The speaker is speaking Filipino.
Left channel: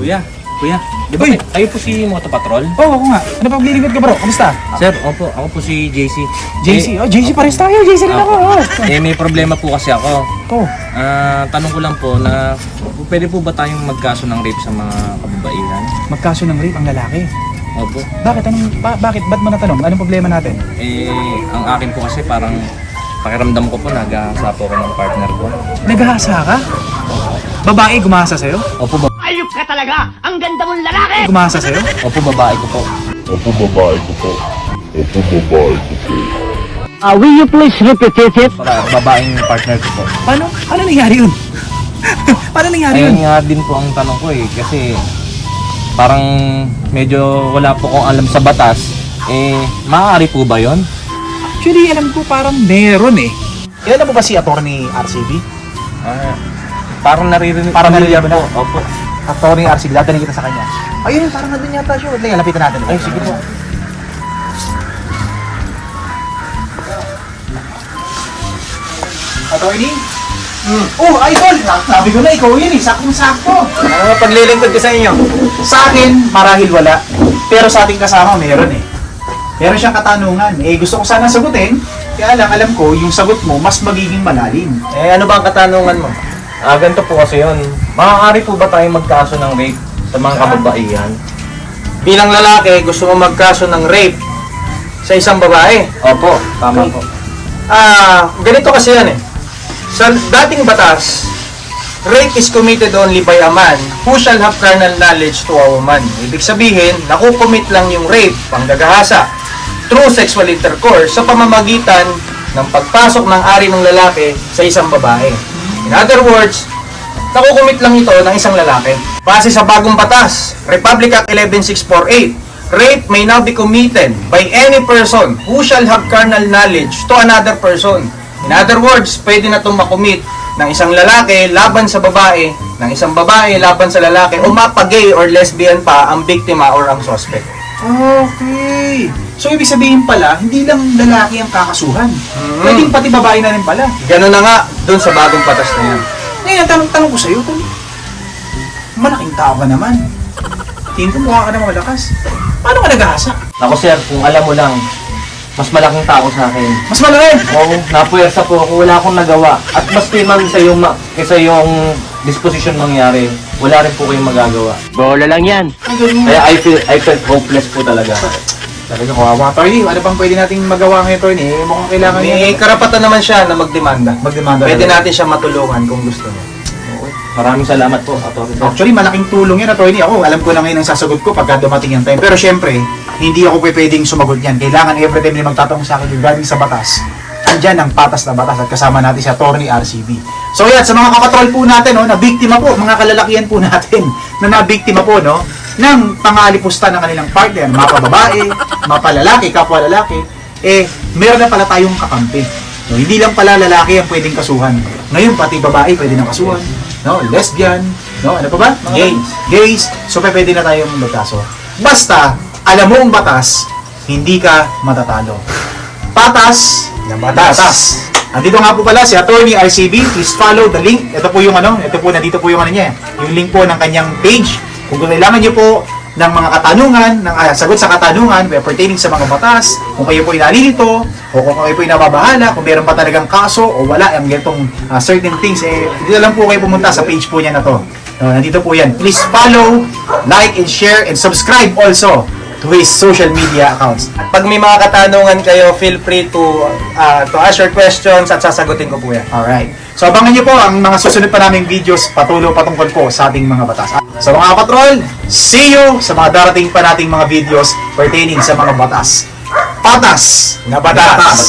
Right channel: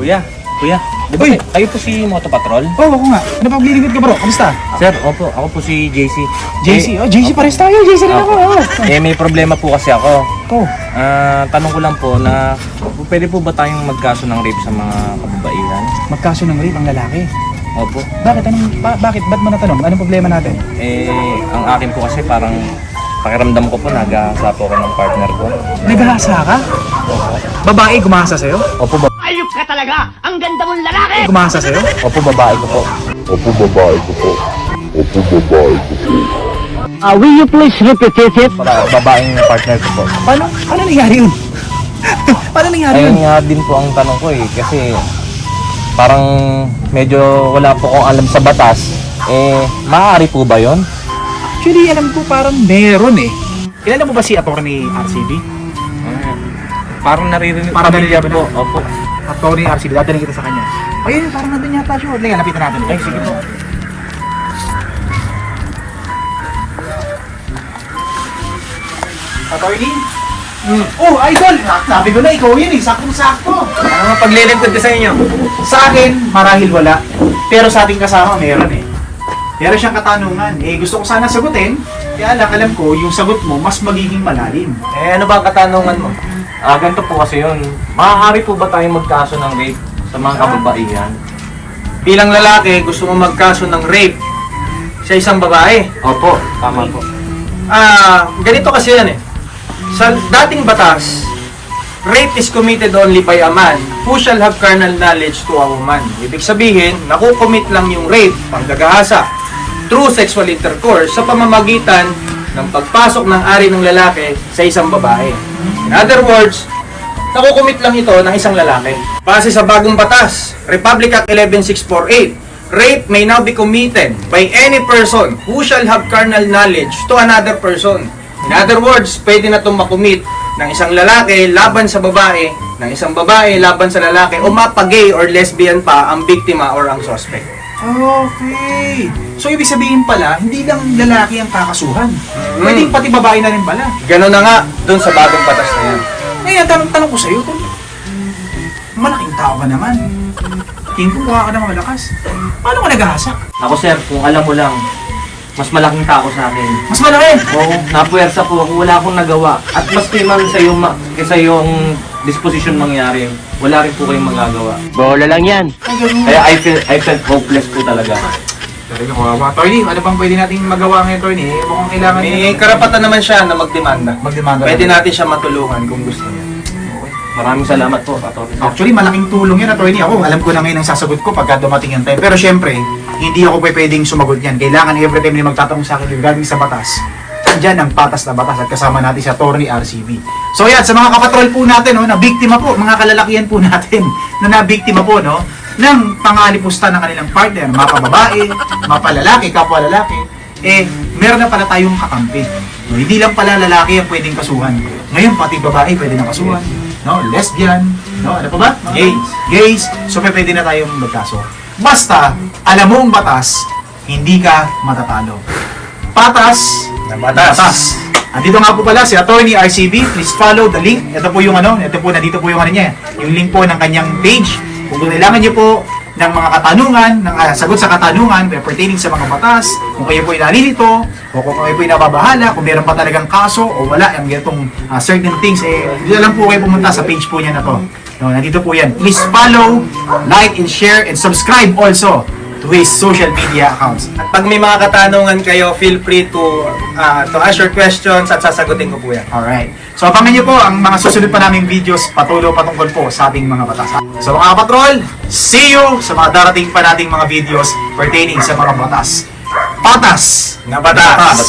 Kuya, di ba kayo po si Moto Patrol? Oo, ako nga. Ano pa maglilingkod ka bro? Kamusta? Sir, ako po si JC. JC? JC pares tayo. JC rin ako. May problema po kasi ako. Oh. Tanong ko lang po na pwede po ba tayong magkaso ng rape sa mga kababaihan? Magkaso ng rape ang lalaki. Opo. Bakit? Bakit? Ba't mo natanong? Anong problema natin? Ang akin po kasi parang pakiramdam ko po nag-aasa po ako ng partner ko. Nag-aasa ka? Babae gumasa sa'yo? Opo, Ayup ka talaga! Ang ganda mong lalaki! Gumasa sa'yo? Opo, babae ko po. Will you please repeat it? Babaeng partner ko po. Paano nangyari yun? Paano nangyari yun? Ayun nga din po ang tanong ko kasi parang medyo wala po akong alam sa batas. Maaari po ba yon? Actually, alam ko parang meron eh. Kilala mo ba si Atty. RCB? Parang naririnig Parang naririnig mo. Opo. Atty. RCB, dadali kita sa kanya. Ayun, parang nandun yata siya. Liga, lapitan natin. Ay, sige po. Atty. Oh, idol! Sabi ko na, ikaw yun eh. Saktong-sakto. Paglilingkod ko sa inyo. Sa akin, marahil wala. Pero sa ating kasama, meron eh. Meron siyang katanungan. Gusto ko sana sagutin. Kaya lang, alam ko, yung sagot mo, mas magiging malalim. Ano ba ang katanungan mo? Ganito po kasi yun. Maaari po ba tayong magkaso ng rape sa mga kababaihan? Bilang lalaki, gusto mo magkaso ng rape sa isang babae. Opo, tama po. Ganito kasi yan eh. Sa dating batas, rape is committed only by a man who shall have carnal knowledge to a woman. Ibig sabihin, nakukomit lang yung rape, panggagahasa, through sexual intercourse sa pamamagitan ng pagpasok ng ari ng lalaki sa isang babae. In other words, nakukomit lang ito ng isang lalaki. Base sa bagong batas, Republic Act 11648, rape may now be committed by any person who shall have carnal knowledge to another person. In other words, pwede na itong makomit ng isang lalaki laban sa babae, ng isang babae laban sa lalaki, o mapag-gay or lesbian pa ang biktima or ang suspect. Okay. So, ibig sabihin pala, hindi lang lalaki ang kakasuhan. Pwedeng pati babae na rin pala. Ganun na nga doon sa bagong batas na yan. Ang tanong ko sa'yo, kung malaking tao ka naman, tingin ko mukha ka naman malakas. Paano ka nag-ahasa? Ako sir, kung alam mo lang, mas malaking tao sa akin. Mas malaki! Oo, napuwersa po ako, wala akong nagawa. At maski man sa yung disposition mangyari, wala rin po kayong magagawa. Bola lang yan. Kaya I felt hopeless po talaga. Talaga ko, mga attorney, ano bang pwede natin magawa ngayon, attorney? Mukhang kailangan May karapatan naman siya na magdemanda. magdemanda. Pwede natin siya matulungan kung gusto niya. Maraming salamat po, Atty. Actually, malaking tulong yun, attorney. Ako, alam ko na ngayon ang sasagot ko pagka dumating yung time. Pero syempre, hindi ako pwedeng sumagot yan. Kailangan every time na magtatanong sa akin regarding sa batas, andyan ang patas na batas at kasama natin si Atty. RCB. So yan, sa mga kapatrol po natin, no, na biktima po, mga kalalakihan po natin, na nabiktima po, no, ng pangalipusta ng kanilang partner, mga babae, mga palalaki, kapwa lalaki, meron na pala tayong kakampi. So, hindi lang pala lalaki ang pwedeng kasuhan. Ngayon, pati babae pwede na kasuhan. No, lesbian, no, ano pa ba? Gays. So, pwede na tayong magkaso. Basta, alam mo ang batas, hindi ka matatalo. Patas na batas. Andito nga po pala si Atty. RCB. Please follow the link. Ito po yung nandito po yung niya. Yung link po ng kanyang page. Kung kailangan niyo po ng mga katanungan, ng sagot sa katanungan pertaining sa mga batas, kung kayo po inalilito, o kung kayo po inababahala, kung meron pa talagang kaso o wala ang ganitong certain things, dito lang po kayo pumunta sa page po niya na to. No, nandito po yan. Please follow, like, and share, and subscribe also to his social media accounts. At pag may mga katanungan kayo, feel free to ask your questions at sasagutin ko po yan. Alright. So abangan nyo po ang mga susunod pa naming videos patungkol po sa ating mga batas. So mga patrol, see you sa mga darating pa nating mga videos pertaining sa mga batas. Patas na batas.